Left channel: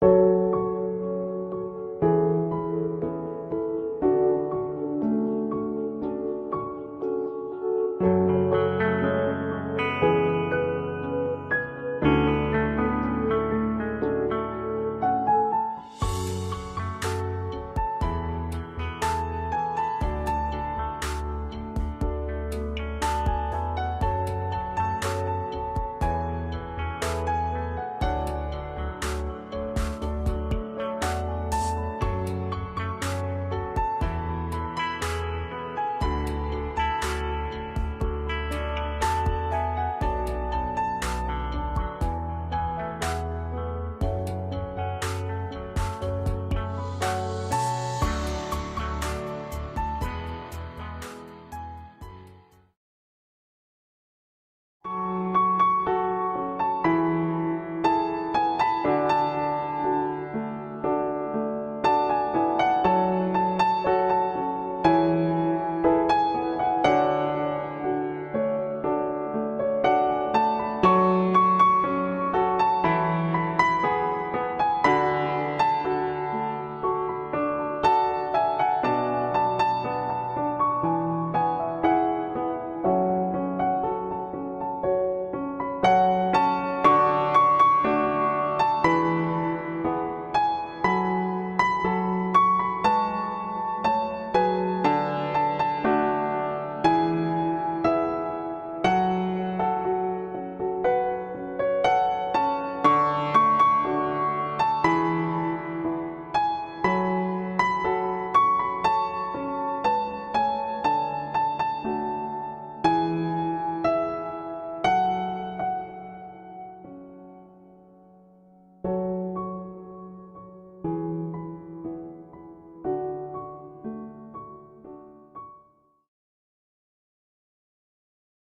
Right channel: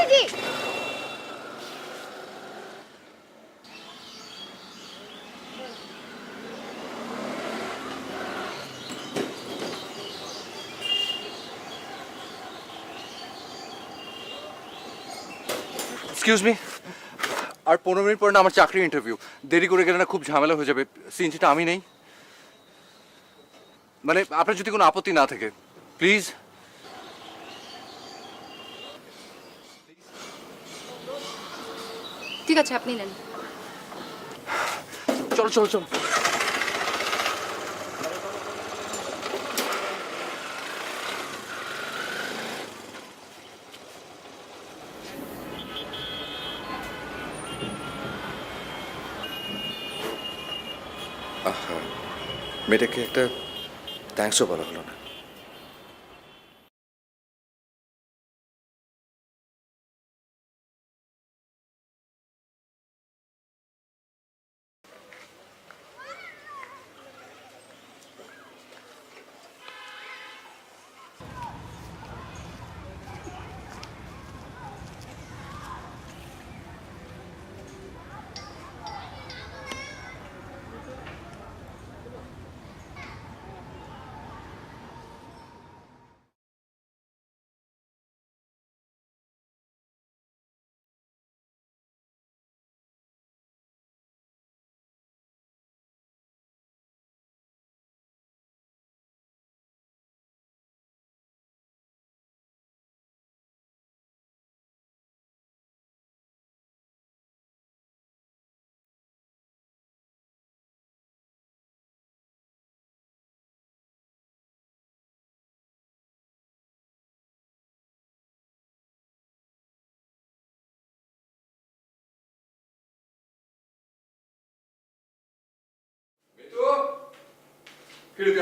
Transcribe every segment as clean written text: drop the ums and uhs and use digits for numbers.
কি excuse me, আর 15 minute পরে না আমার চাকরির ইন্টারভিউ। দেরি করে গেলে না খুব ঝামেলা হয়ে যাবে। সিএনজিটা আমি নেই, মানে আপনার যদি কোনো আপত্তি না থাকে প্লিজ। ঠিক আছে, আপনি নেন। চলো চলো চলো। মেয়েটাকে একটা থ্যাঙ্কসও বলা হলো না।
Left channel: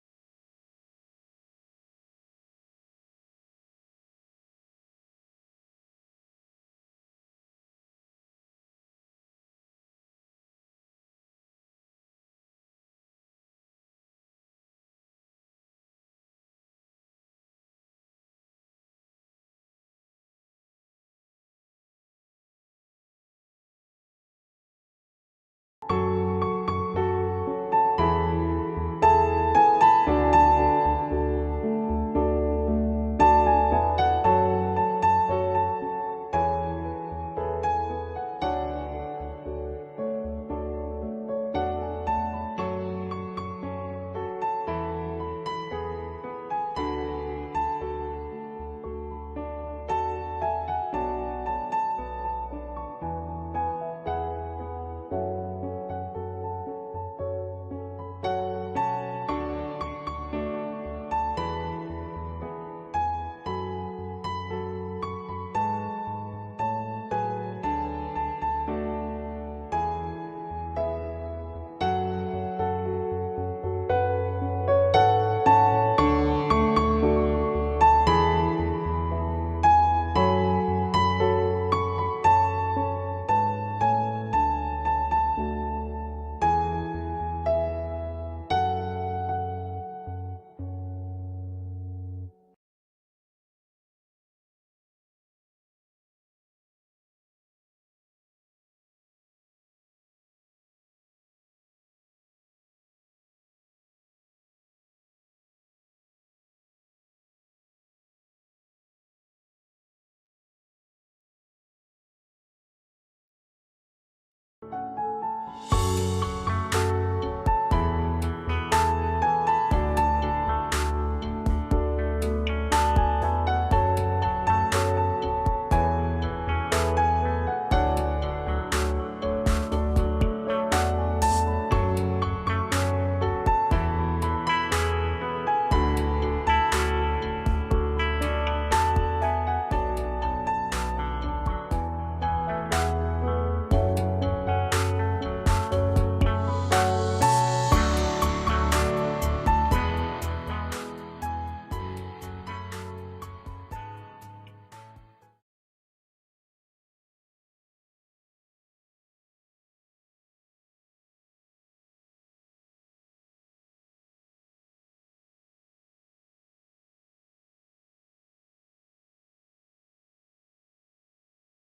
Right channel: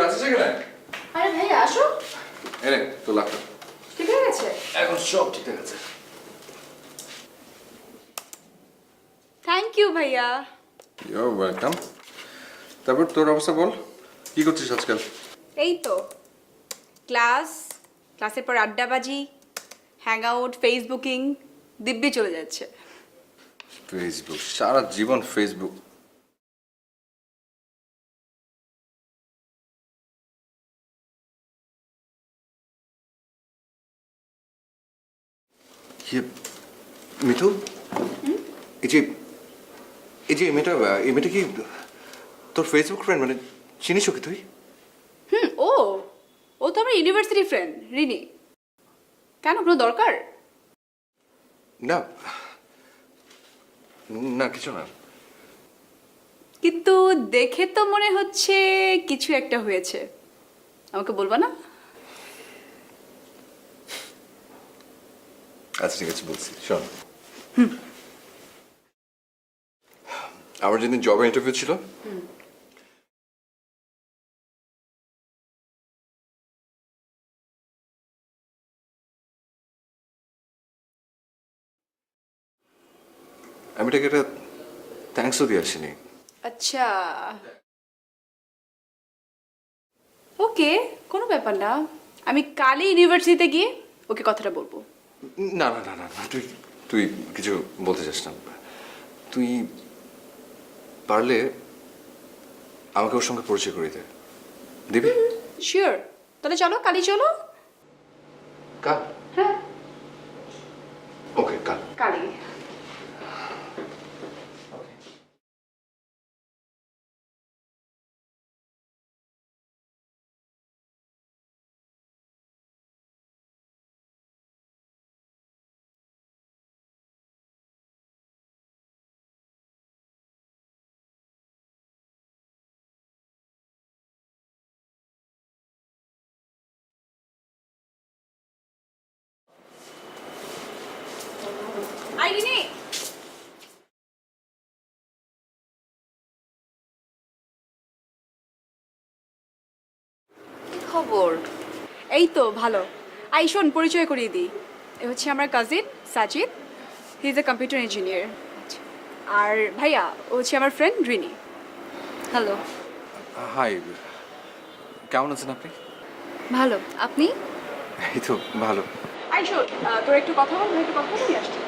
আছিস এখানে? আরে ভাই আসো। এনে তো লাগতো। ঠিক হয়ে গেছে? এখন সব ঠিক আছে। থ্যাংক ইউ ভাইয়া। You welcome. তারপর তোর অবস্থা বল, কি করছিস আজকাল? এই তো ক্লাসের পর আড্ডাবাজি, হ্যাং আউট, ফেসবুকিং, দিব্যি চলে যাচ্ছে। ফেসবুক, সারা জীবন ফেসবুক। মিঠু, এই যে এই মেয়েটা কি তোর ফেসবুক ফ্রেন্ড? মানে চিনিস ওকে তুই? ও তো আমার ইউনিভার্সিটি ফ্রেন্ড রিনি। কেন, কোনো দরকার? না না, কিছু না। কিন্তু দেখে তো মনে হচ্ছে কিছু একটা হয়েছে। আমাকে বলবা না? আচ্ছা ঠিক আছে, বলছি শোন। আমার যেদিন জবের ইন্টারভিউ ছিল, আমি এটাকে একটা থ্যাঙ্কসও দিয়ে আসিনি। আচ্ছা, ওকে, কোনো ব্যাপার না। আমি কালই ইউনিভার্সিটিতে গিয়ে ওকে কথাটা বলবো। না না না না না, তুই তুই কিছু বলতে চাস না। তুই পারলে আমাকে ওর সঙ্গে পরিচয় করিয়ে দে, দিবি? শিওর। তাহলে চলো, কালই চলো। কাল? হ্যাঁ, ওকে, কাল। কালই। খবর এই তো ভালো। আইসন, পরিচয় করিয়ে দিই। এ হচ্ছে আমার cousin Sajid, he is a computer engineer. আর ভাইয়া, ও হচ্ছে আমার ফ্রেন্ড রিনি। হ্যালো। হাই, কেমন আছেন আপনি? ভালো, আপনি? এই তো ভালো। আইসো, তোর একটু কথা বল, একটু কথা বলে নিয়ে আসছি।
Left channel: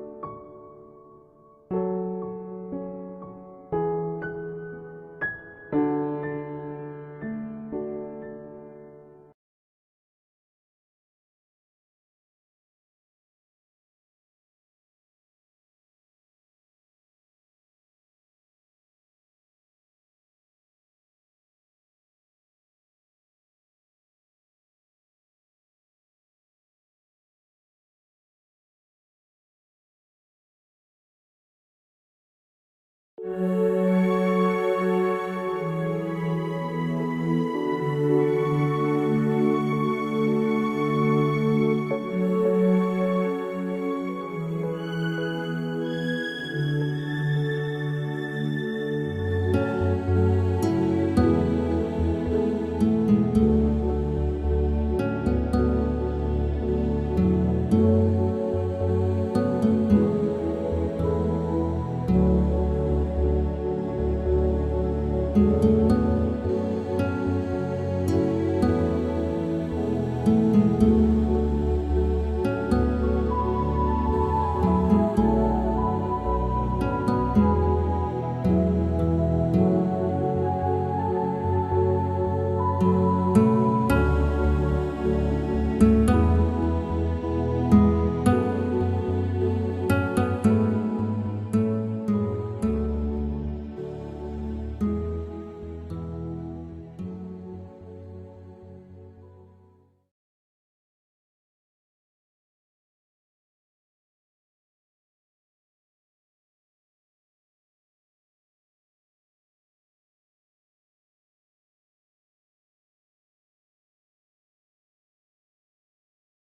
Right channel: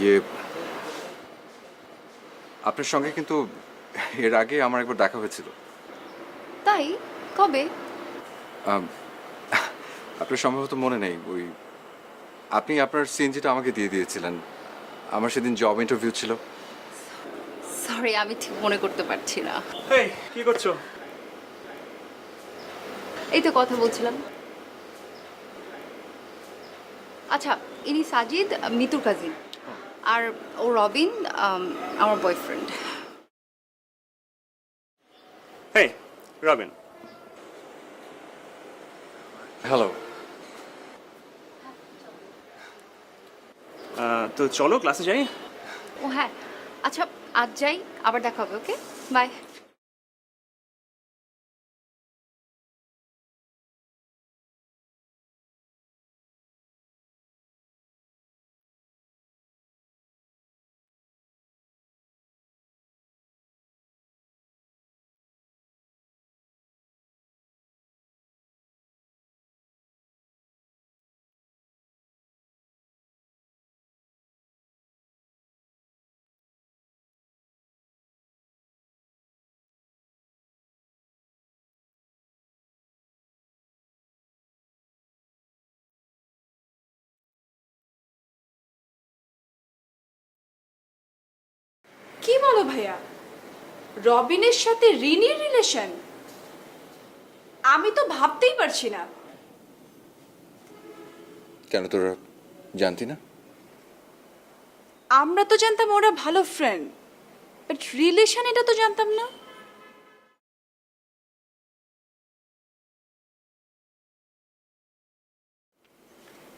ইয়ে, আপনার সঙ্গে কিন্তু এর আগে আমার একবার দেখা হয়েছিল। তাই? কবে? আম, আপনার সম্ভবত মনে নেই, ওই আপনি আপনার সিএনজিটা আমাকে দিয়ে দিয়েছিলেন। আমার সেদিন জব ইন্টারভিউ ছিল। সরি, আমি ঠিক মনে করতে পারছি না। এই কি করছো? এই তো কথা বলছিলাম। আচ্ছা, ইনি সাজিদ, মিতুর কাজিন। আর ও রবিন, আমার বয়ফ্রেন্ড। এই রবিন, হ্যালো। তো চলো ক্লাসে যাই। ও হ্যাঁ, আচ্ছা আজ যাই, আবার দেখা হবে। ওকে, বাই। কি বলো ভাইয়া, রবিনের সাথে রিনির রিলেশন? আমি তো ভাবতেই পারছি না। কেন, তোরা জানতি না? আমরা তো জানতাম ওরা ভালো ফ্রেন্ড, বাট রিলেশন এটা তো জানতাম না।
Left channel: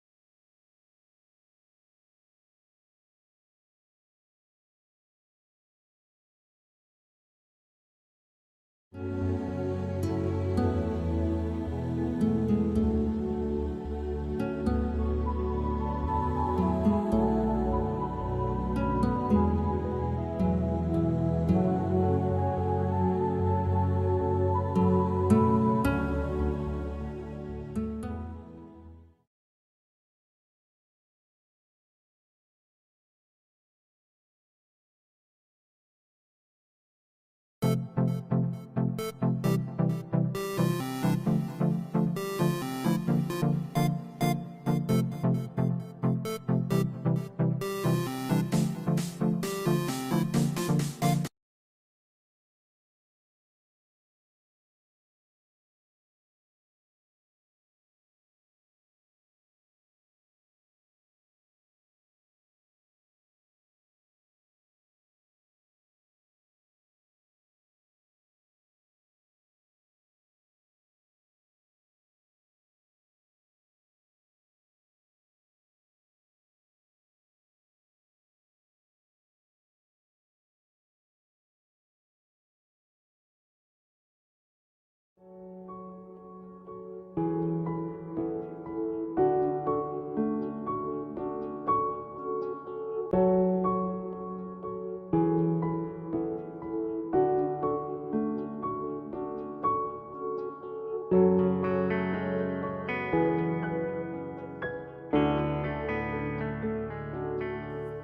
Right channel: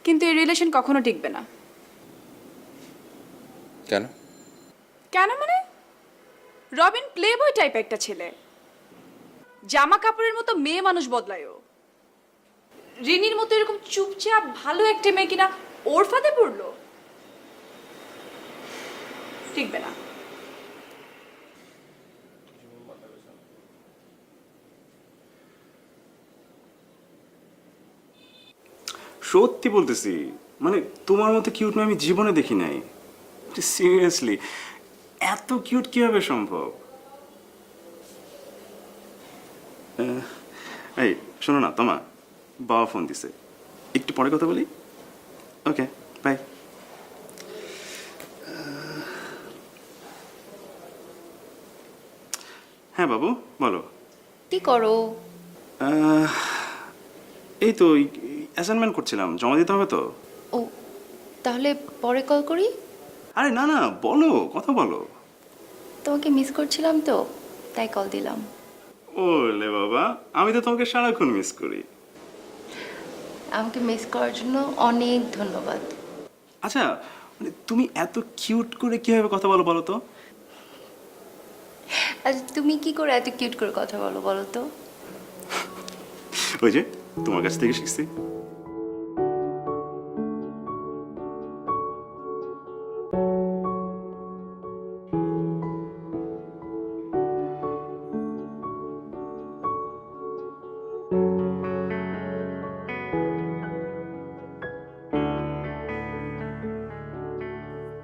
কিন্তু এই রিলেশন কখনো টিকবে না। কেন? কেন মানে, রবিন প্লে বয় টাইপ একটা ছেলে, জামা কাপড়ের মতো মেয়ে মানুষ বদলায়ও। রিনির মতো এরকম চুপচাপ ভালো একটা মেয়ে কিনা ওর ফাঁদে পড়লো? টিকবে না। সত্যি বলতেছি, মানে তোমার মতো কিউট মেয়ে আমি জীবনে দেখি নাই। সিরিয়াসলি, এত কিউট কিভাবে সম্ভব? এই শোনো না তোমা, বাবা ফোন দিছে, একটু পরে কথা বলি। ওকে, বাই। হ্যাঁ বাবু, বলো। কি করো? এই তো অ্যাসাইনমেন্ট করছিলাম, জমা দিতে হবে তো। ও, তাহলে পরে কল করি। আরে না না, বলো, কথা বলো। তোমাকে মিস করছিলাম তো, তাই কল দিলাম। ওলে বাবা, আমি তো তোমাকে সারাক্ষণ মিস করি। আমাকে মিস করার জন্য অনেক ধন্যবাদ। আচ্ছা, মানে তুমি এত কিউট করে কিভাবে কথা বলো বলো তো? আচ্ছা, তুমি কি করে এত কিউট করে কথা বলো বলো তো? ওই যে তোমার কাছ থেকে শিখছি।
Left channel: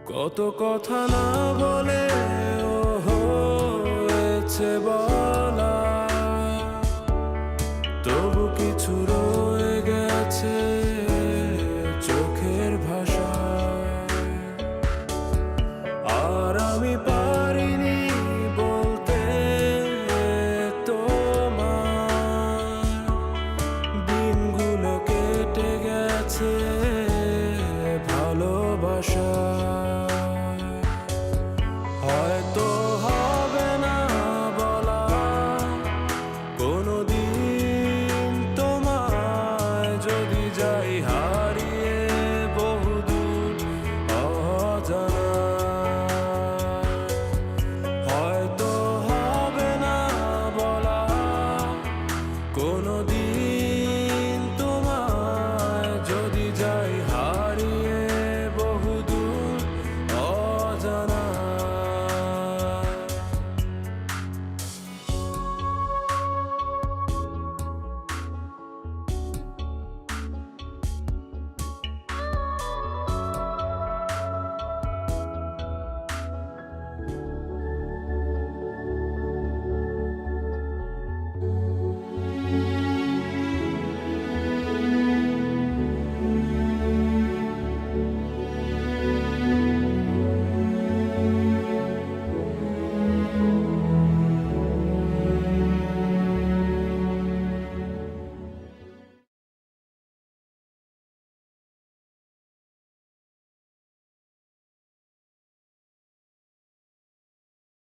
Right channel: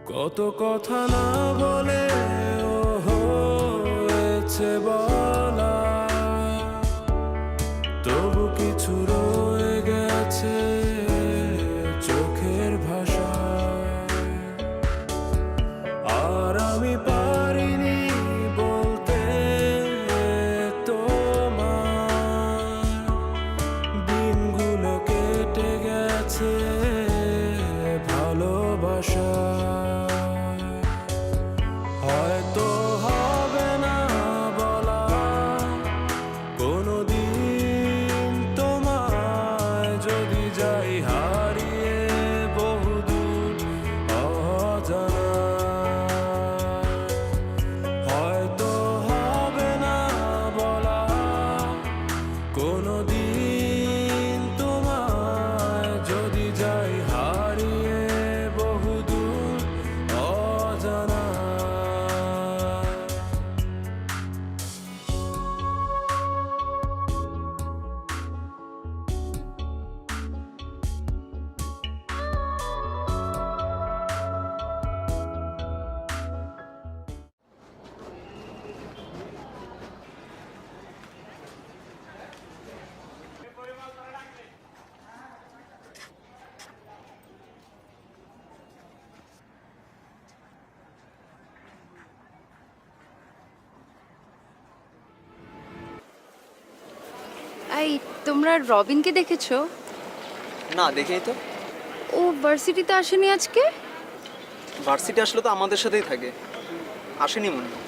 কত কথা না বলে ও হয়েছে বলা, তবু কিছু রয়ে গেছে চোখের ভাষা। আর আমি পারিনি বলতে তোমার, দিনগুলো কেটে গেছে ভালোবাসা। হয়তো হবে না বলা কোনোদিন তোমায়, যদি যাই হারিয়ে বহুদূর অজানা। তোমরা রবিনকে দেখেছো? না দেখিনি তো। ও ভার্সিটিতে আসেনি আজকে? ভার্সিটি আসলে তো আমাদের সাথেই থাকে, আসেনি মনে হয়।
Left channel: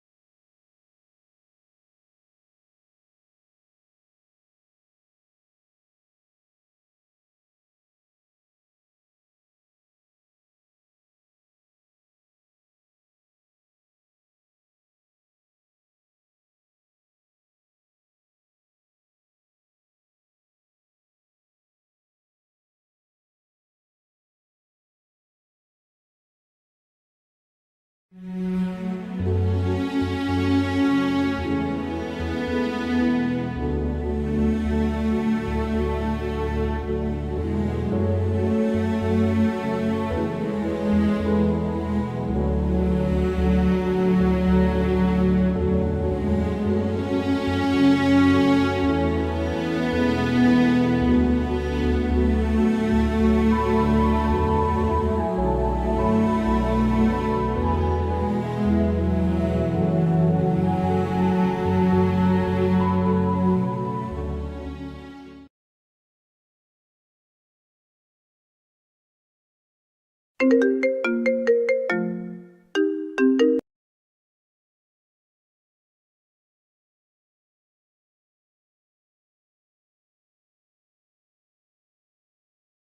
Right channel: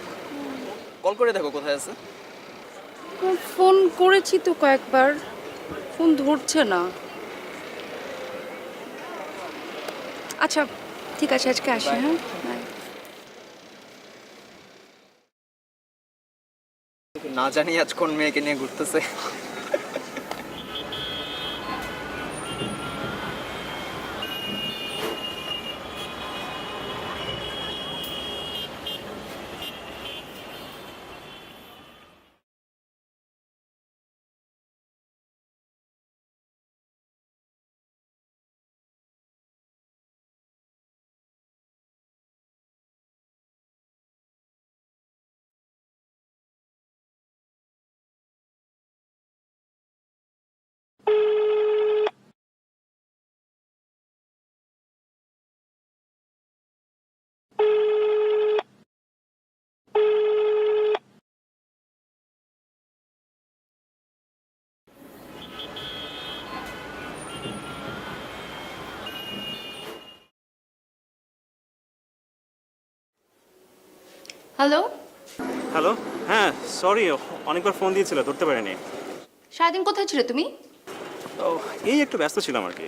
কল করে দেখো কোথায় আছে। ফোন করেছি তো কয়েকবার, ফোন ধরছে না। আচ্ছা ঠিক আছে, আজকে আসি। হ্যাঁ বাই। না জানি আজ কোন মেয়েকে নিয়ে ঘুরতেছে। হ্যালো, হ্যালো, হ্যাঁ সরি, অনেকবার ফোন দিয়েছিল, ধরতে পারিনি। সারাদিন কোথায় ছিলে তুমি? ও এই একটু ব্যস্ত ছিলাম আর কি।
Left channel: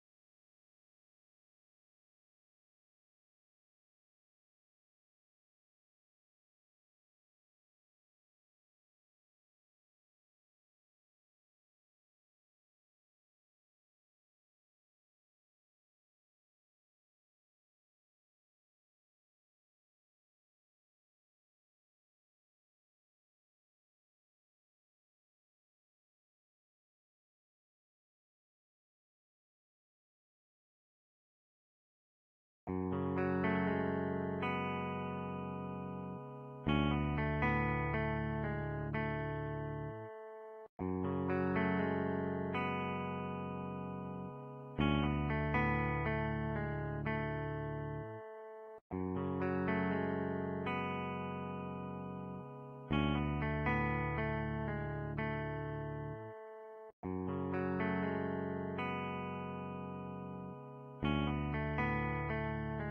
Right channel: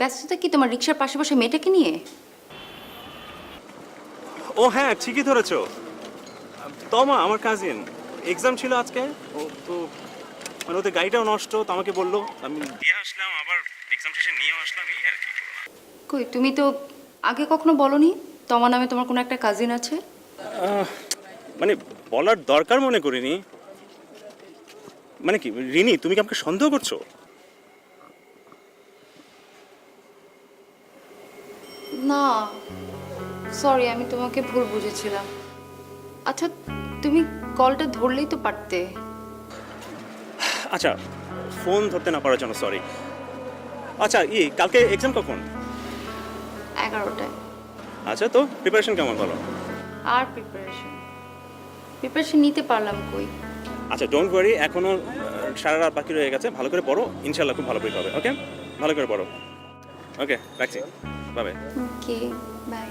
ব্যস্ততা কি তোমার রিক্সার পাশে বসে মেয়েটাকে নিয়ে? ও হ্যাঁ ঠিকই ধরেছো, তমা আমার কাজিন, এক্সাম ছিল আজকে। ও তো মানে ওদের গাড়িটাও নষ্ট, তো আমাকে বললো, আমি দিয়ে আসলাম, আবার এক্সাম শেষে নিয়েও আসলাম, এই আর কি। কই তুমি তো আগে কখনো বলনি তোমার নামে তোমার কোনো একটা কাজিন আছে? মানে বলার দরকার মনে করিনি। মানে কি রিনি, তুমি কি আমাকে সন্দেহ করছো? না সরি, আমি তোমাকে ভুল বুঝেছিলাম। আচ্ছা তুমি কলটা ধরলেই তো পারতে। আচ্ছা, ফোন ধরতে না পারার জন্য সরি। আচ্ছা কালকে এক্সাম কখন? 11টায়। আচ্ছা, তো প্রিপারেশন কেমন বলো? আর প্রিপারেশন নিতে পারলাম কই। আচ্ছা ডোন্ট ওয়ারি, এখনো সারা রাত বাকি রয়ে গেছে, ভালো করে পড়ো, ইনশাল্লাহ খুব ভালো পরীক্ষা হবে। ওকে, ভালো করে পড়ো। ওকে রাখছি, বাই বাই। Okay bye.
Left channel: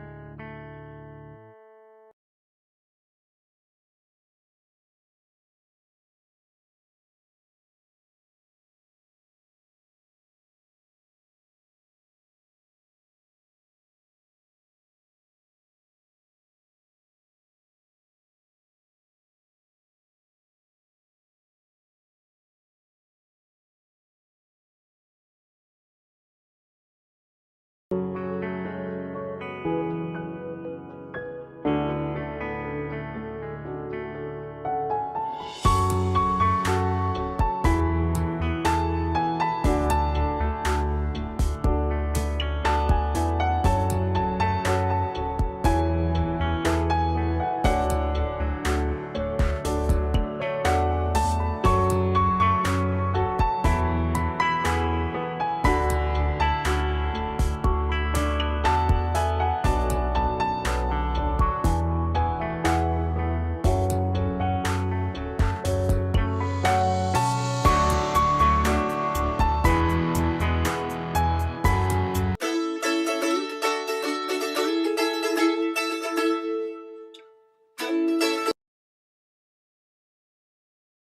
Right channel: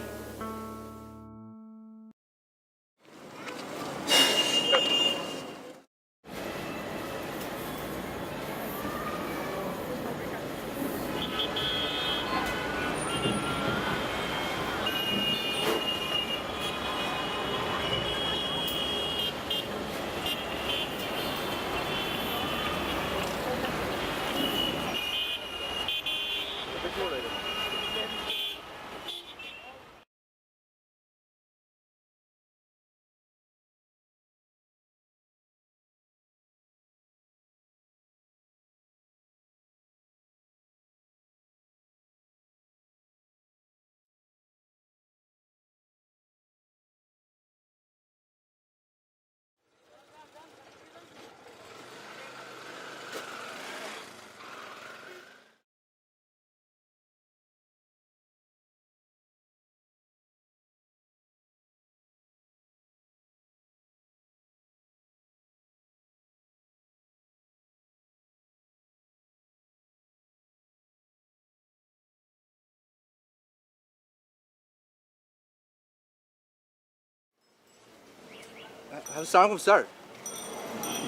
আসসালামু স্যার।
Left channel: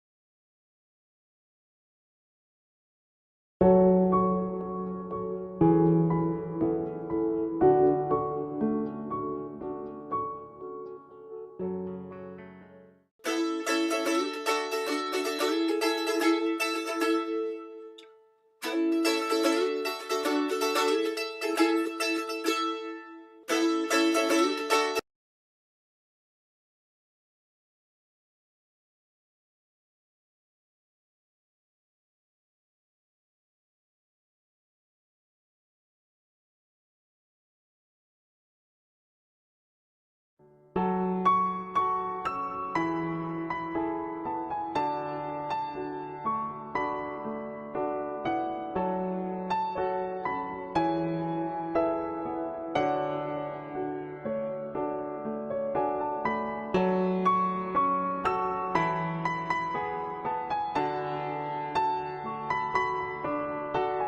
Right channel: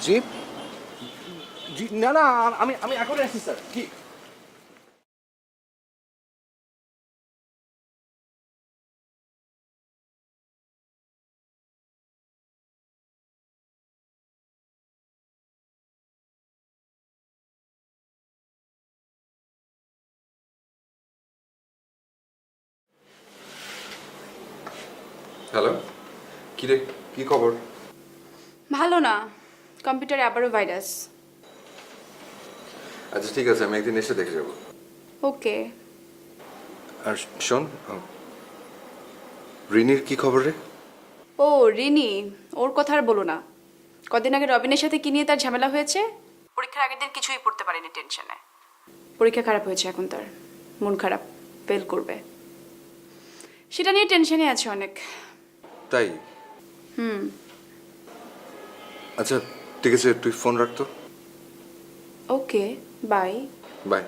জি জি, না না, আমি আমি এখন আসছি স্যার। কি হ্যালো, কি রে, কি খবর? ভালো না, কম্পিউটারে আবারও ভাইরাস। আচ্ছা ঠিক আছে, আমি একদিন এসে দেখে যাবো। ওকে। আর শোন, রিনির কি খবর রে? ও রিনি, ওর কথা আর বলো না। কদিন আগে রবিনের সাথে কি নিয়ে তার ঝামেলা হয়েছে, পরীক্ষার আগের দিন কিছুই পড়তে পারেনি টেনশনে। পরীক্ষা খারাপ হয়েছে, এখন তার মন খারাপ, ফেল করবে, সেটা নিয়ে টেনশনে আছে অনেক। তাই? আচ্ছা ঠিক আছে, তুই ফোন রাখতো। ওকে, বাই। বাই।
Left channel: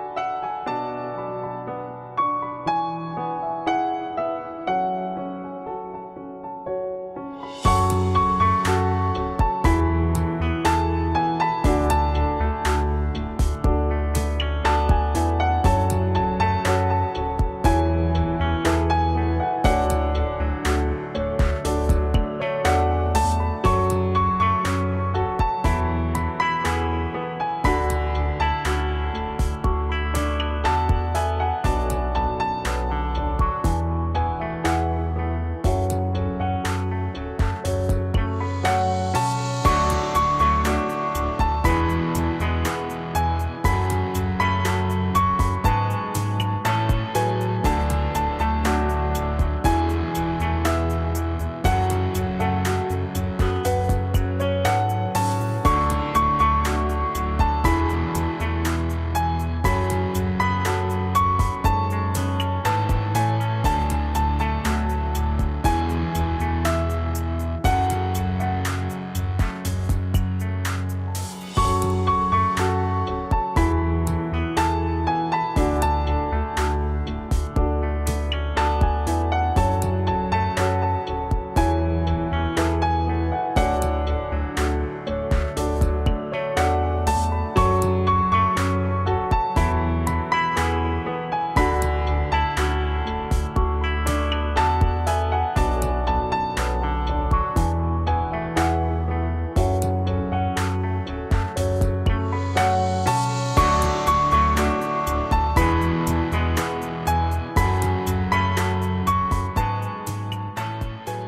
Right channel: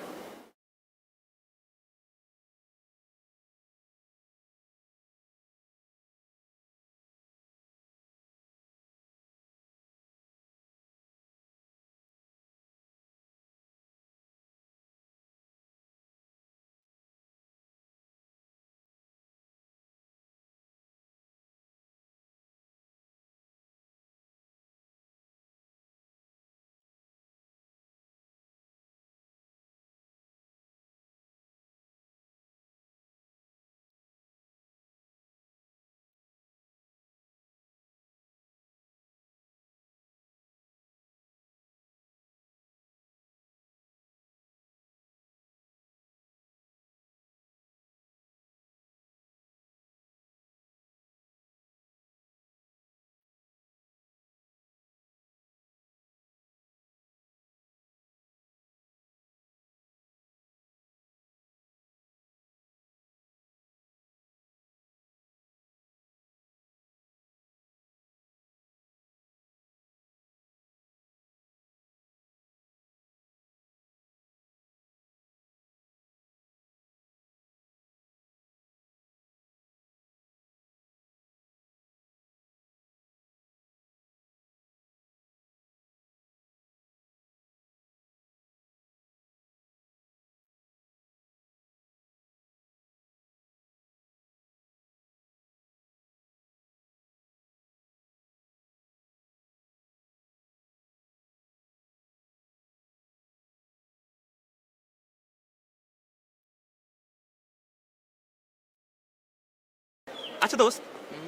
আচ্ছা দোস্ত,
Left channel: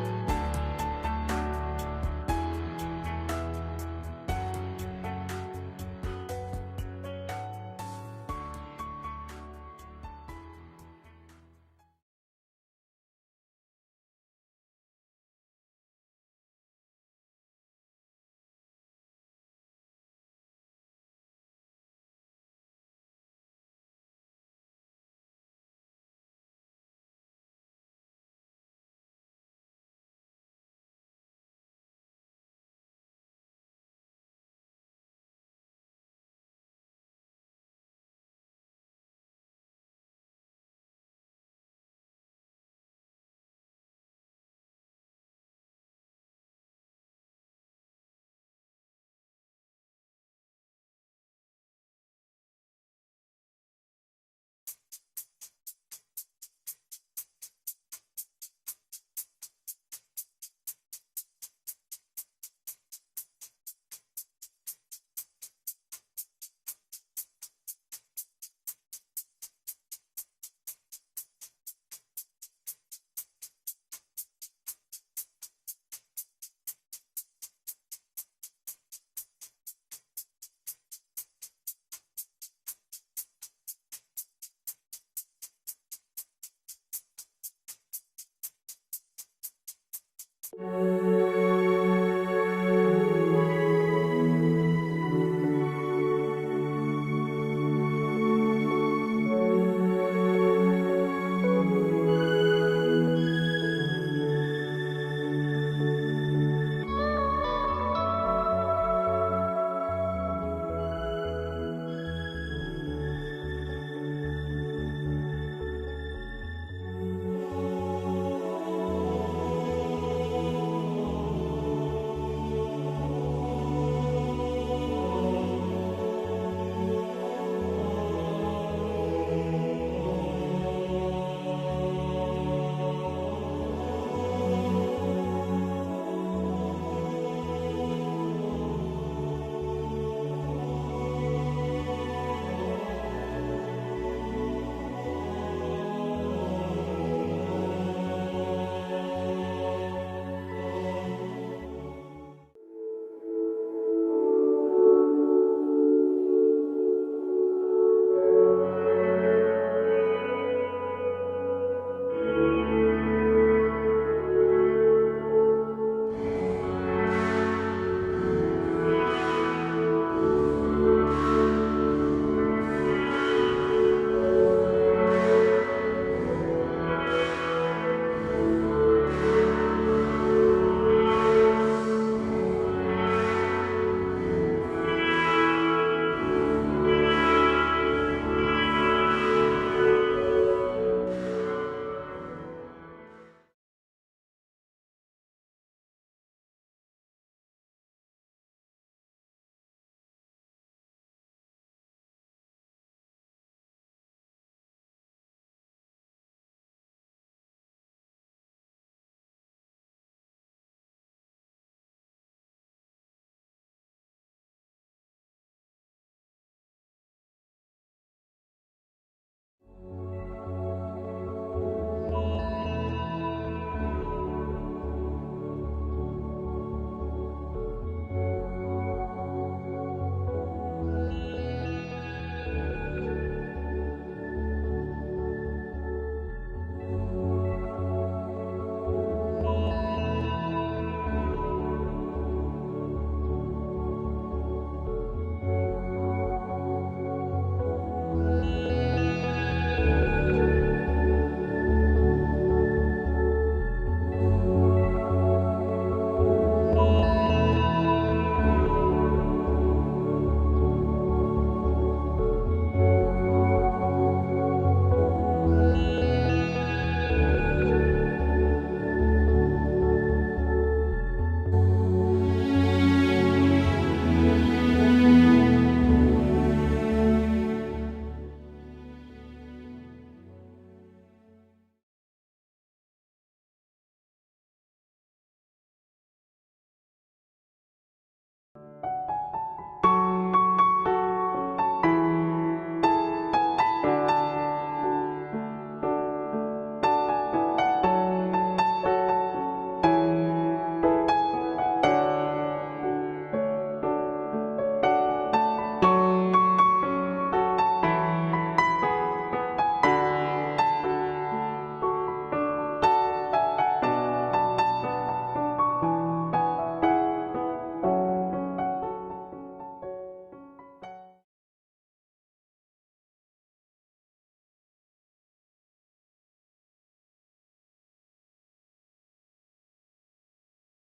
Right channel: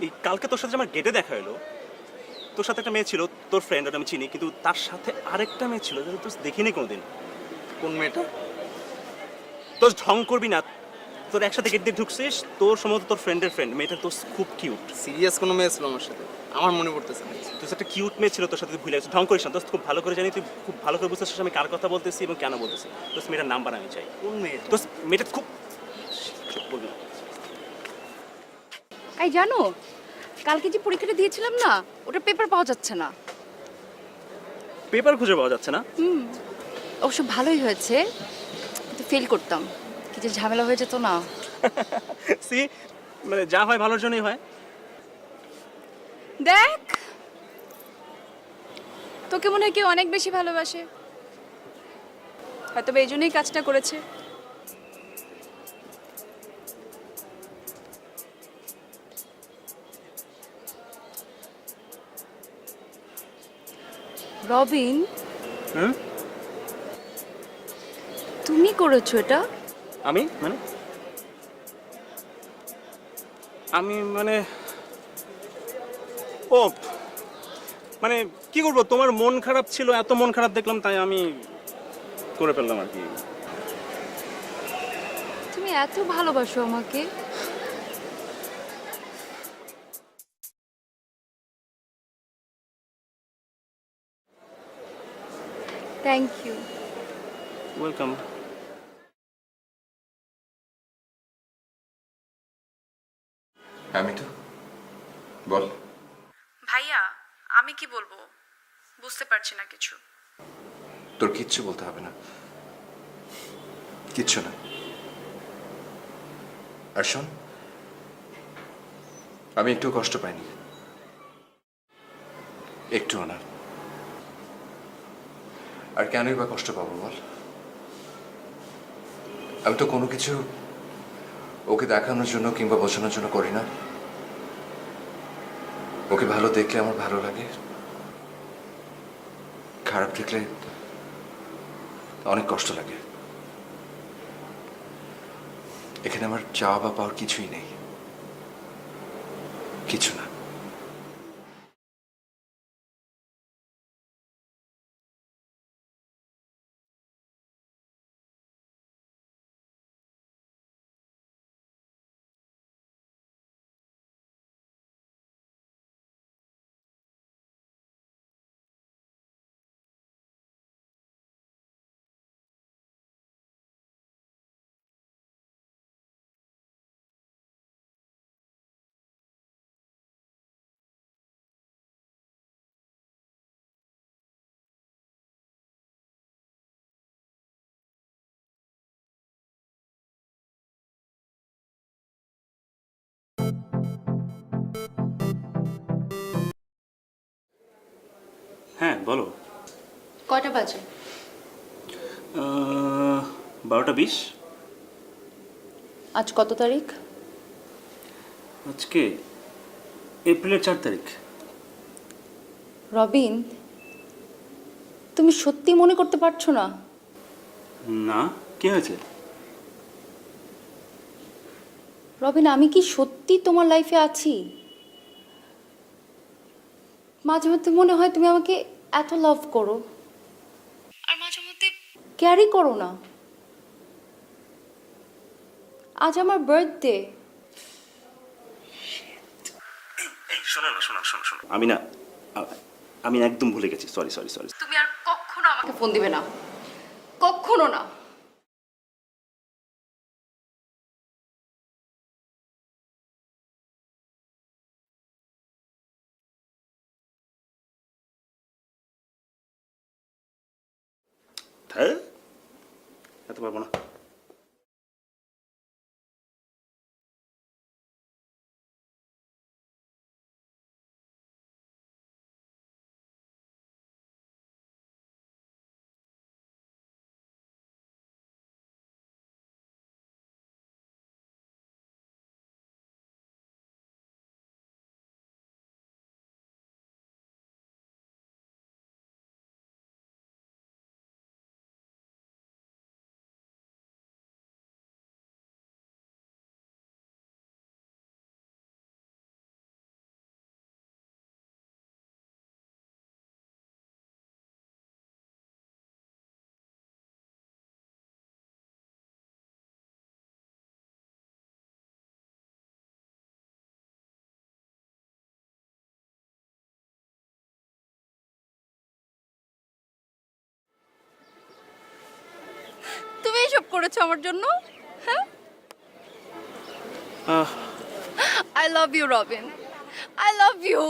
এই কালকে তোর সাথে আমার গেটে দেখা হলো, তোর সাথে একটা মেয়ে ছিল, তোর ফ্রেন্ড, ওটা আমি চিনি, কিন্তু তার সাথে আরেকটা মেয়ে ছিল যেটা তোর দেখিনি কোনোদিন। কোন মেয়েটা? তোর ঢং করবি না, তোর একসাথে গেট দিয়ে ঢুকছিস, তোর সম্ভবত তোর ফ্রেন্ডের ফ্রেন্ড, মেয়েটা তোর খুব কিউট। সিরিয়াস কোনো মেয়ে ছিল আমার সাথে? আমার মনে পড়তেছে না। তোর একটা কিউট মেয়ে ছিল, তোর সাথে তুই ভুলে গেছিস। ঢং করিস না দোস্ত, খুব ভালো করে জানি, তুই খুব ভালো করে বুঝতেছিস আমি কার কথা বলতেছি এবং কেন বলতেছি। দোস্ত মেয়েটার নাম্বার আমি চাই। কোন মেয়েটা? দোস্ত মেয়েটা খুব বলবি না। এই জানো, কালকে যে পরীক্ষাটা দিয়েছিলাম না, ওটা পেপার পাওয়া যাচ্ছে না। পেপার খুঁজে পাওয়া যাচ্ছে না? অবশ্য ভালোই হয়েছে, কিন্তু ফেল করতাম, কি যে ঝামেলা হয়ে যেত না। সি, মানে যা হয় ভালোর জন্যই হয়। দেখ, তোকে মনে হয় কেউ অনেক বেশি ভালোবাসে, হয়তো এই জন্যই কাজটা করেছে। রবিন, হুম? তুমি করেছো এটা? আমি মানে ও মানে কি করবো, তোমার মন খারাপ ছিল, এত মন খারাপ দেখলাম, তাই আমি করে ফেললাম আর কি। তুমি এত ভালোবাসো আমাকে? Thank you. ওয়েলকাম। আমি তো বল। ভাইয়া, আমি কি বলবো বুঝতে পারছি না কিছু। তোর কিচ্ছু বলতে হবে না, কিচ্ছু না। আর শোন, আমি একটু কষ্ট পাইনি, একটুও না। আর কেনই বা কষ্ট পাবো বল? আমি তো কোনো কিছু ওকে দেখানোর জন্য কিংবা বোঝানোর জন্য করি না। ওকে ভালো দেখলে আমার ভালো লাগে, খারাপ দেখলে অনেক কষ্ট লাগে। এখানে আমার চাওয়া বা পাওয়ার কিছুই নেই, কিছু না। বলো। কয়টা বাজে? 12:20। আজ কত তারিখ? আজকে এপ্রিলের 4 তারিখ। রবিন, তুমি সত্যি মনে করতে পারছো না? না, কি হয়েছে? রবিন, আমি কি সত্যি তোমার লাইফে আছি? মাঝে মধ্যে মনে হয় তুমি আমাকে এত লাভ করো, আর মাঝে মধ্যে ক্যারি করো না। আজ আমার বার্থডে। শোনো, আমি একদম ভুলে গেছি। সরি। তুমি আর কখনো আমাকে ফোন দিবে না, কখনো না। হ্যাঁ? তুমি এসব করেছো আমার জন্য? হ্যাঁ, I love you Robin, I love you.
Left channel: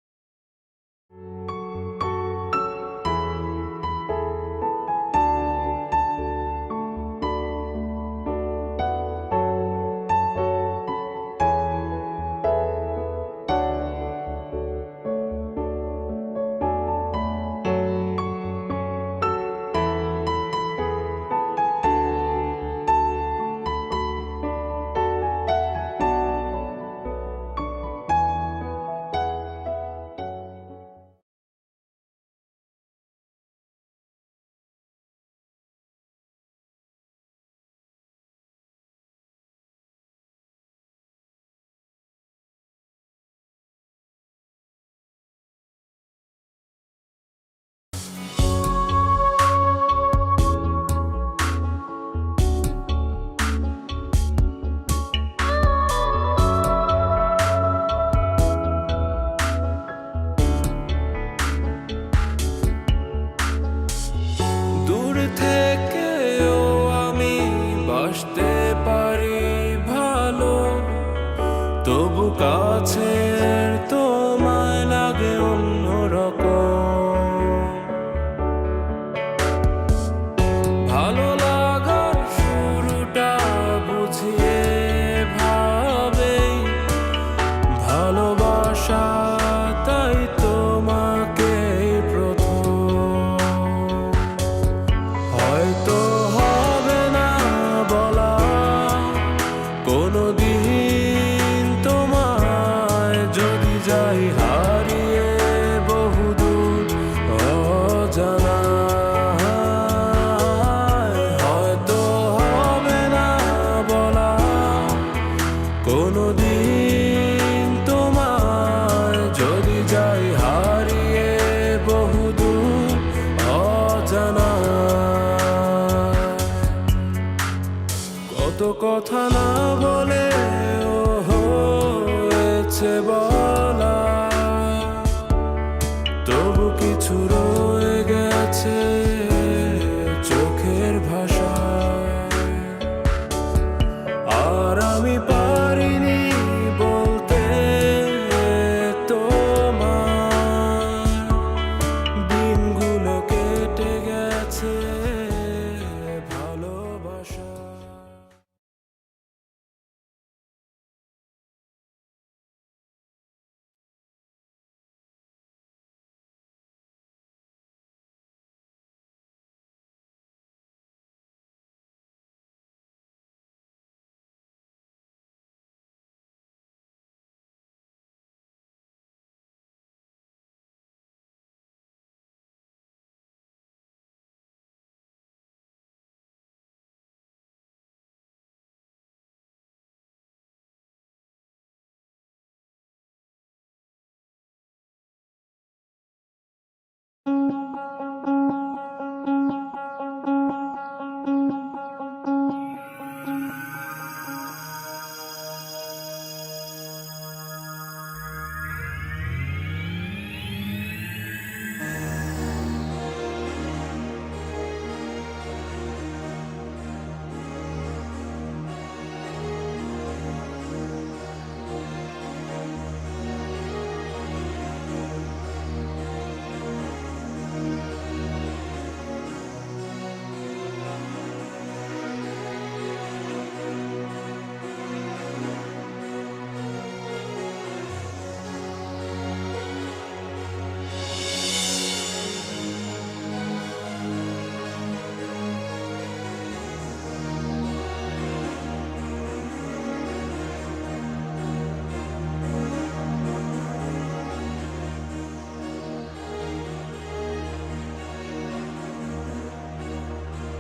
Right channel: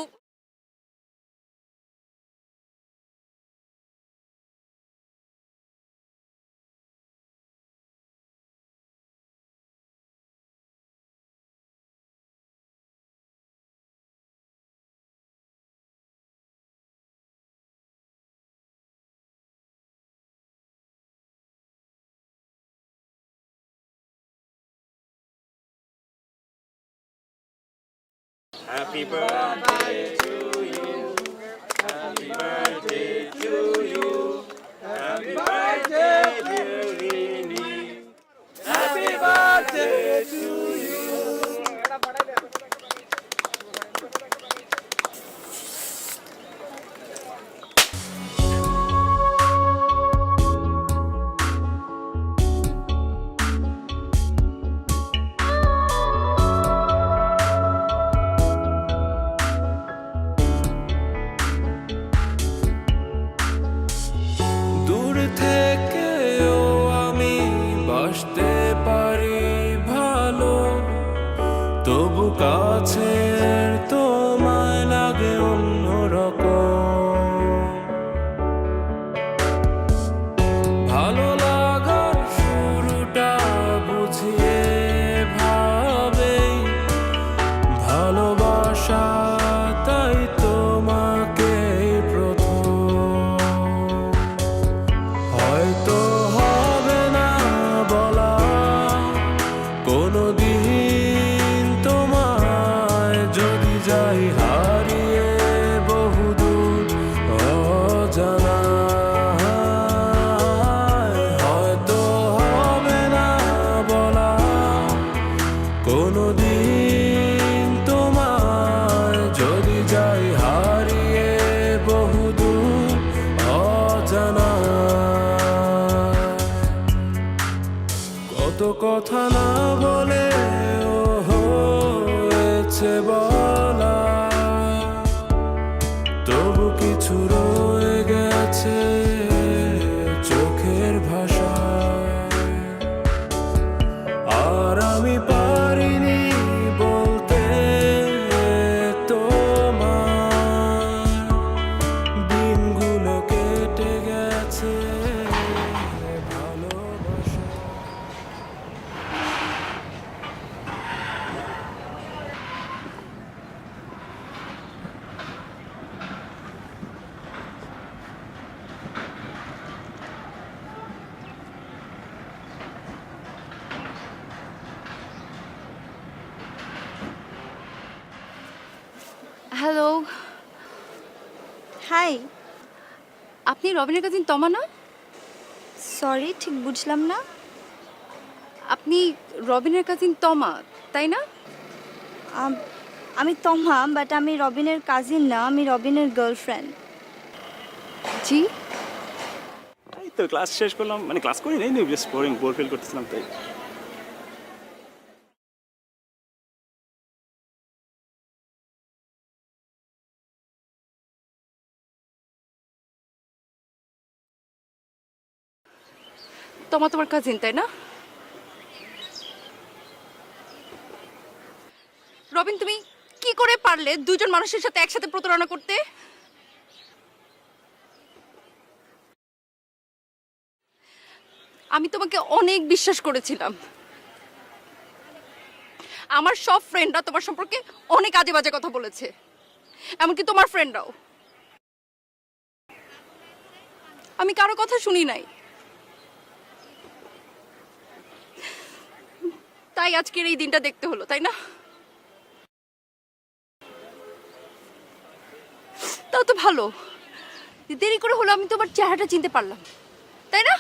Happy birthday to you. Happy birthday to you. Happy birthday, dear Rini. Happy birthday to you. দূর থেকেও আমি বাসতে পারি ভালো, তবু কাছের তোমায় লাগে অন্যরকম। ভালো লাগার শুরুটা বুঝিয়ে ভাবেই ভালোবাসা, তাই তোমাকে প্রথম। হয়তো হবে না বলা কোনোদিন তোমায়, যদি যাই হারিয়ে বহুদূর অজানায়। হয়তো হবে না বলা কোনোদিন তোমায়, যদি যাই হারিয়ে বহুদূর অজানায়। কত কথা না বলে ও হয়েছে বলা, তবু কিছু রয়ে গেছে চোখের ভাষায়। আর আমি পারিনি বলতে তোমার, দিনগুলো কেটে গেছে ভালোবাসা। হাই। আপনি রবিনের কাজিন তমা না? সরি, ঠিক বুঝলাম না। আপনি রবিনের কাজিন তমা, তাই না? আমি তমা, বাট আমি রবিনের কাজিন না, আমি রবিনের গার্লফ্রেন্ড। জি। এই তো ক্লাস শেষ করলাম, মানে ক্লাস করি নেই, জাস্ট বোর ফিল করতেছিলাম তাই। তমা তোমার কাজিন, তাই না? রবিন, তুমি কি করে পারলে দুজন মানুষের সাথে একসাথে প্রতারণা করতে? আমি তোমাকে অনেক বিশ্বাস করেছিলাম। আমার সব ফ্রেন্ডরা তোমার সম্পর্কে অনেক আজে বাজে কথা বলেছে, এমনকি তোমার ফ্রেন্ডরাও। আমি কারো কথা শুনি নাই, তাই আজকের এই দিনটা দেখতে হলো, তাই না? তাও তো ভালো, দেরি করে হলো আমি তোমার চেহারাটা চিনতে পারলাম, তাই না?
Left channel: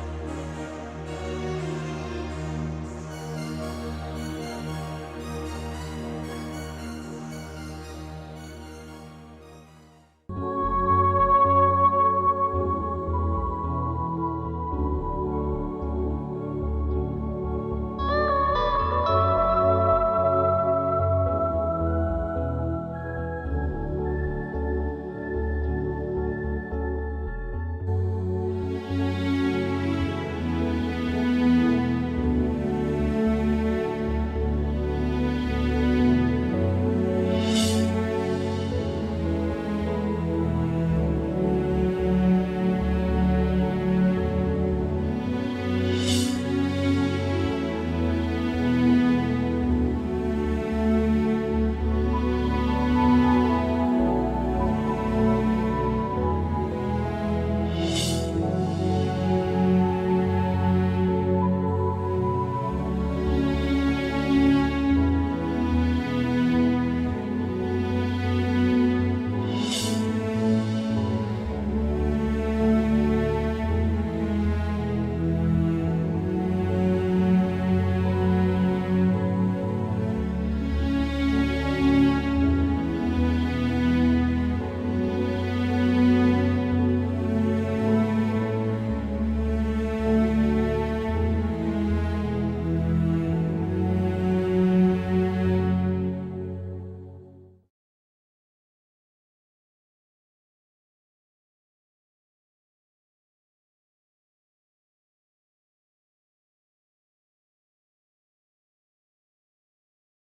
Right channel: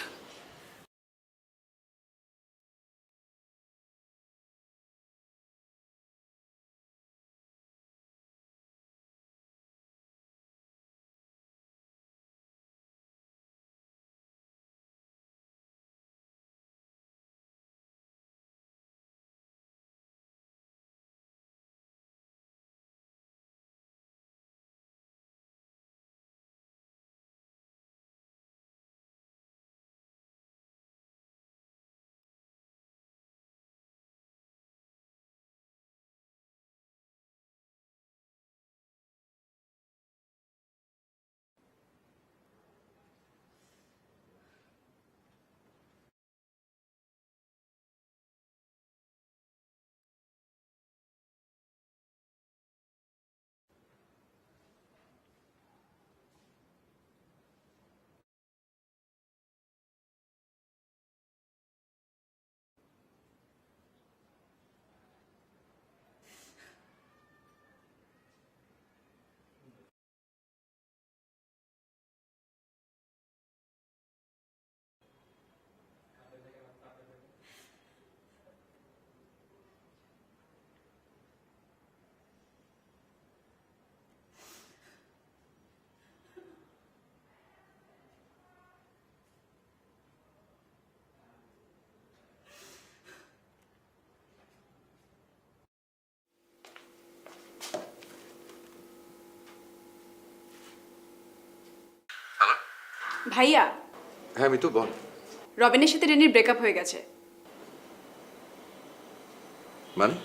ভাইয়া, হ্যাঁ মিতু বল। রবিনের সাথে রেনির ব্রেকআপ হয়ে গেছে। মানে?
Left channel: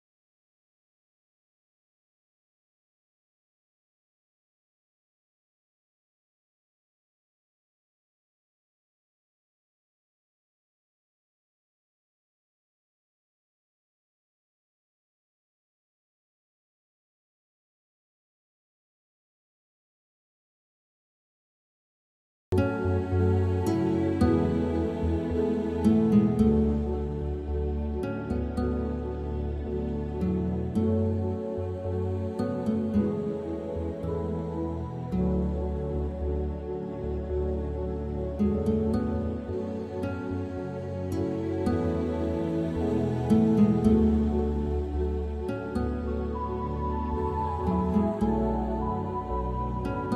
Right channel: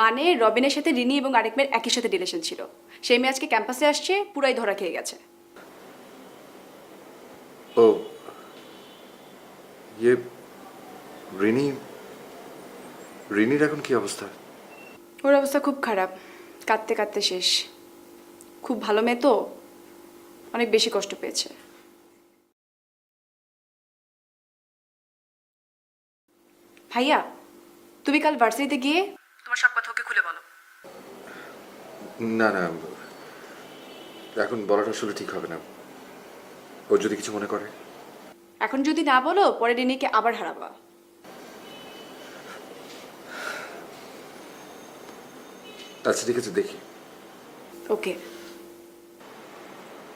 মানে রবিনের সাথে রিনি এবং আরেক মেয়ের একই সাথে রিলেশন ছিল। সেই মেয়ে আজকে ক্যাম্পাসে আসছে, পুরাই ধরা খেয়ে গেছে। ও ইয়ে, রিনির এখন কি অবস্থা? ওর অবস্থা খুব খারাপ, কাঁদতে কাঁদতে শেষ। খুব ভালো মেয়ে তো, অনেক বেশি কষ্ট পেয়েছে। ভাইয়া, তুমি কাল ভার্সিটিতে গিয়ে তোমার সব কথা ওকে খুলে বলো। না না, এখন বলাটা আসলে ঠিক হবে না। ও যদি কিছু মনে করে। এখন যদি না বলো, পরে রিনিকে আবার হারাবা। আচ্ছা ঠিক আছে, দেখি। ওকে,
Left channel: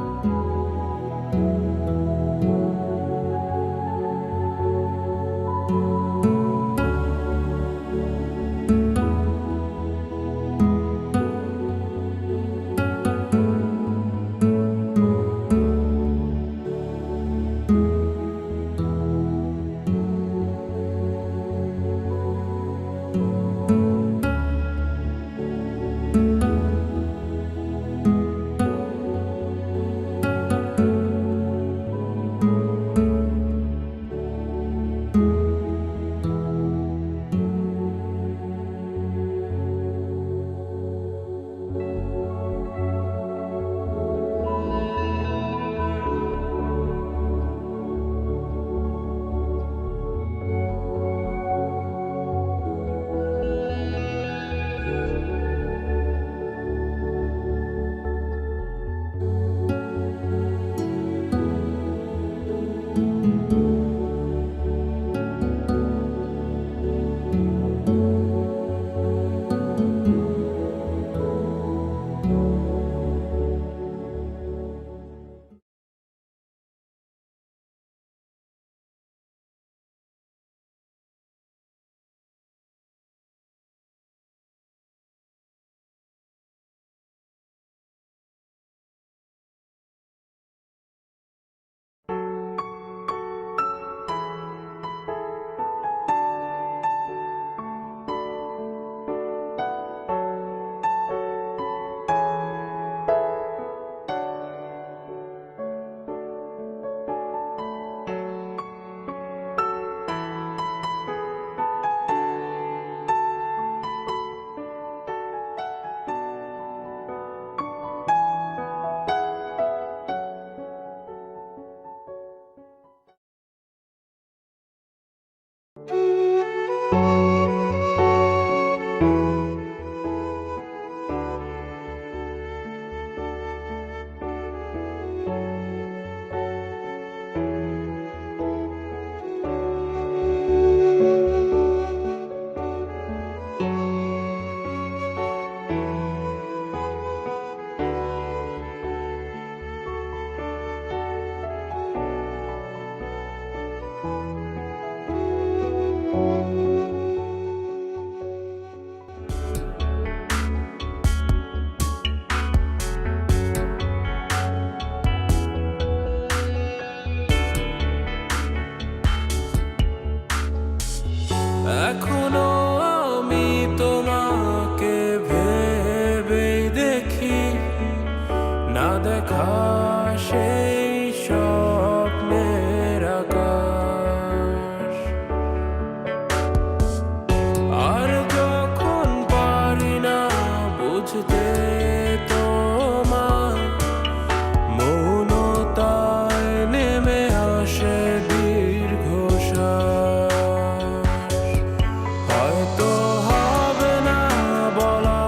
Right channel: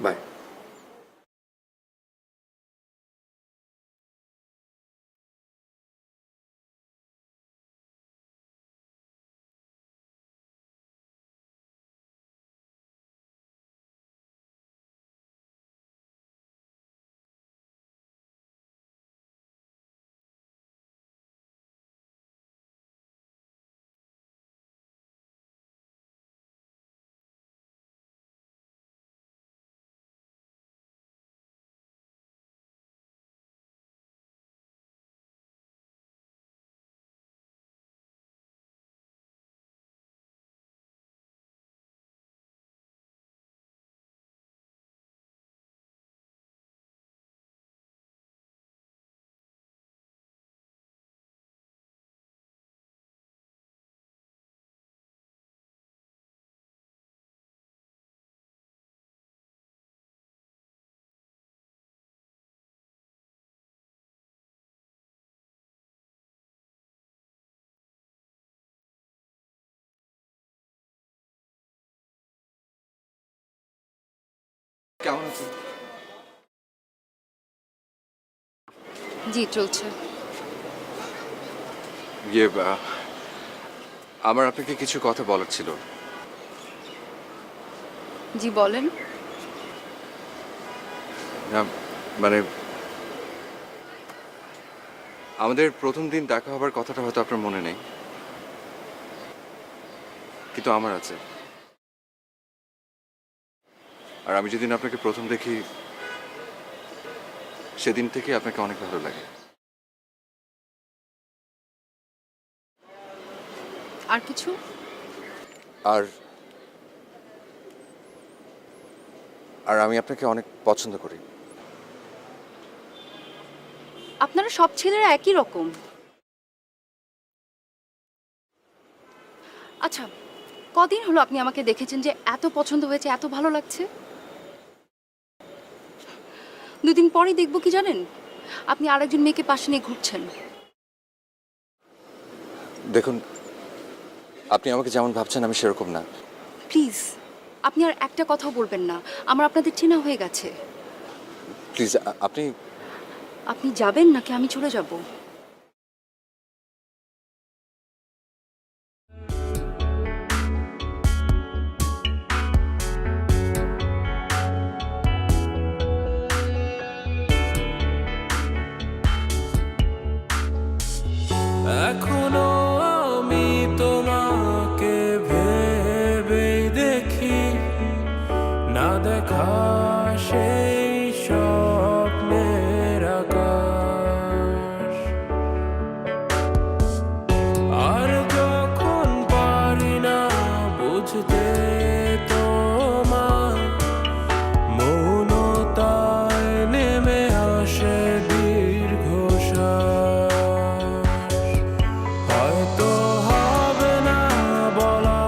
বাই। জি চলছে। ইয়ে আমার আপনাকে কিছু কথা বলার ছিল। জি বলেন। না, মানে আমাদের প্রথম দিন দেখা হবার কথাটা হয়তো আপনার মনে নেই, কিন্তু আমার আছে। আর আমি যেদিন আপনাকে প্রথম দেখি সেদিন থেকে আপনাকে অনেক ভালো লাগে। আর কিছু? আর আর আমি আপনাকে অনেক পছন্দ করি। আপনারা সব ছেলেরা একই রকম। আচ্ছা, কদিন হলো আপনি আমাকে দেখেছেন যে এত পছন্দ হয়েছে, এত ভালো লাগছে? দুদিন পরে দেখবো কি জানেন, আপনি আরেকজন মেয়েকে পাশে নিয়ে ঘুরছেন। দেখুন, আপনি আমাকে যেমন ভাবছেন আমি সেরকম না। প্লিজ, আপনি আর একটা কথাও বলবেন না। আমার আপনাদের চেনা হয়ে গেছে। প্লিজ, আপনি যাবেন নাকি আমি চলে যাব? এখনো আমি তোমাকে ভেবেই দেখি, না দেখা সেই স্বপ্নের আকাশ। আর যখন পারি না বুঝতে তোমার, মৌনতায় নেমে আসে দীর্ঘশ্বাস। হয়তো হবে না বলা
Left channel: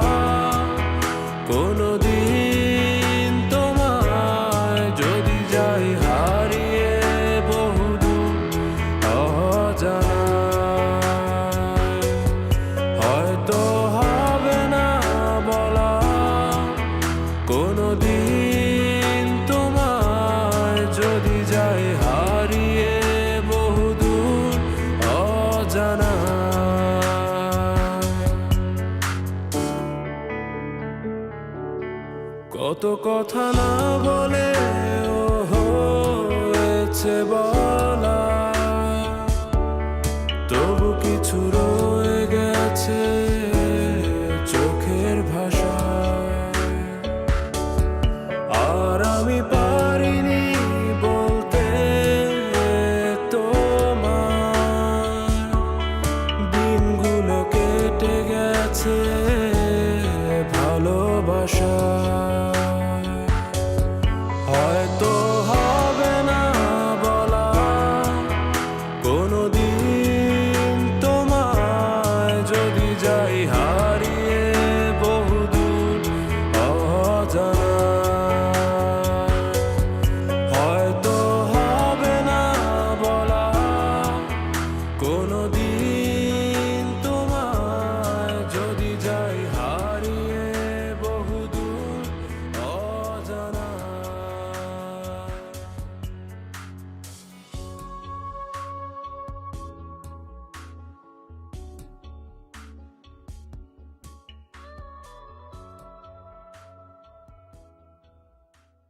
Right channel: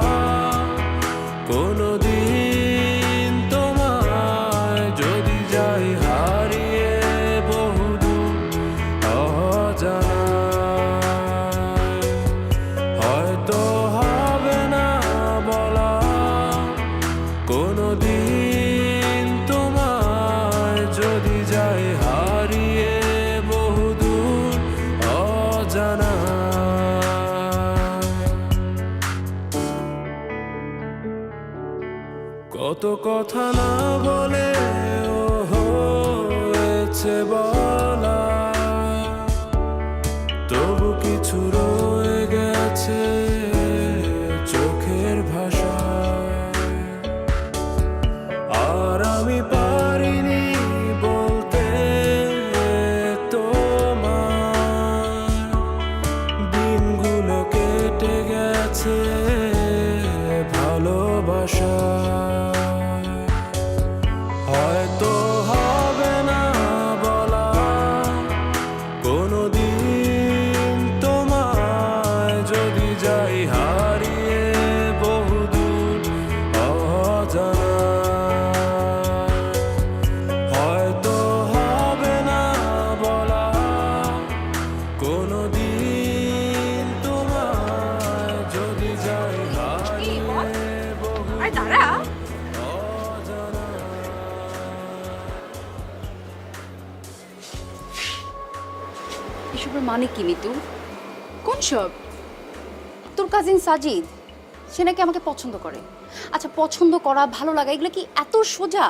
কোনোদিন তোমায়, যদি যাই হারিয়ে বহুদূর অজানায়। হয়তো হবে না বলা কোনোদিন তোমায়, যদি যাই হারিয়ে বহুদূর অজানায়। কত কথা না বলে ও হয়েছে বলা, তবু কিছু রয়ে গেছে চোখের ভাষায়। আর আমি পারিনি বলতে তোমার, দিনগুলো কেটে গেছে ভালোবাসায়। হয়তো হবে না বলা কোনোদিন তোমায়, যদি যাই হারিয়ে বহুদূর অজানায়। হয়তো হবে না বলা কোনোদিন তোমায়, যদি যাই হারিয়ে বহুদূর অজানায়। এসবের মানে কি মিতু? কোন সব? তোর কাজিন সাজিদ, সে নাকি আমাকে পছন্দ করে। আচ্ছা, পছন্দ করা, ভালো লাগা, এগুলো কি এত সোজা?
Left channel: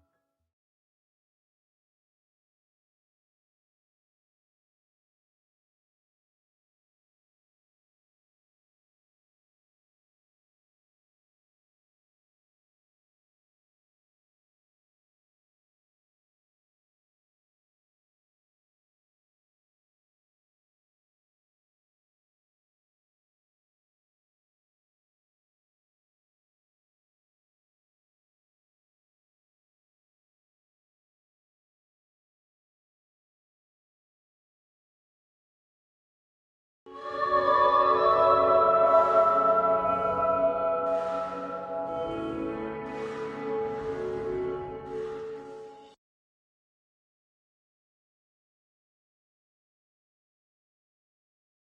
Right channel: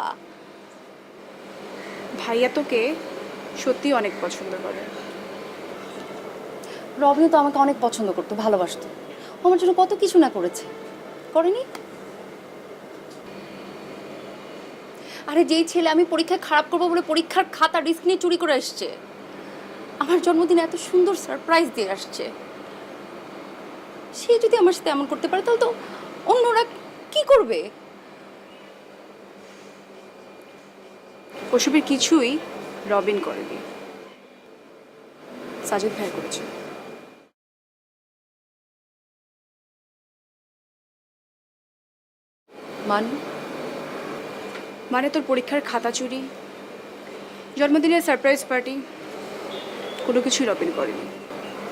ভাইয়া তোকে সত্যি অনেক পছন্দ করে। রবিও তো আমাকে অনেক পছন্দ করতো, ভালোবাসতো। ও আমার জন্য কত কিছু না করেছে, করেনি? আরে যেই ছেলে আমি পরীক্ষায় খারাপ করবো বলে পরীক্ষার খাতা রিস্ক নিয়ে চুরি করে আসছে, আমার জন্মদিনে এত সুন্দর সারপ্রাইজ দিয়ে আসছে, সে যদি আমার সাথে এমন করতে পারে তাহলে তো অন্যরা কি করবে? ওসবের কিছুই রবিন করেনি, সাজিদ ভাই করেছে। মানে তোর পরীক্ষার খাতা চুরি, জন্মদিনের সারপ্রাইজ পার্টি, কোনো কিছুই রবিন করেনি,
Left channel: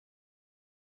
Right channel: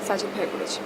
সাজিদ ভাই করেছে।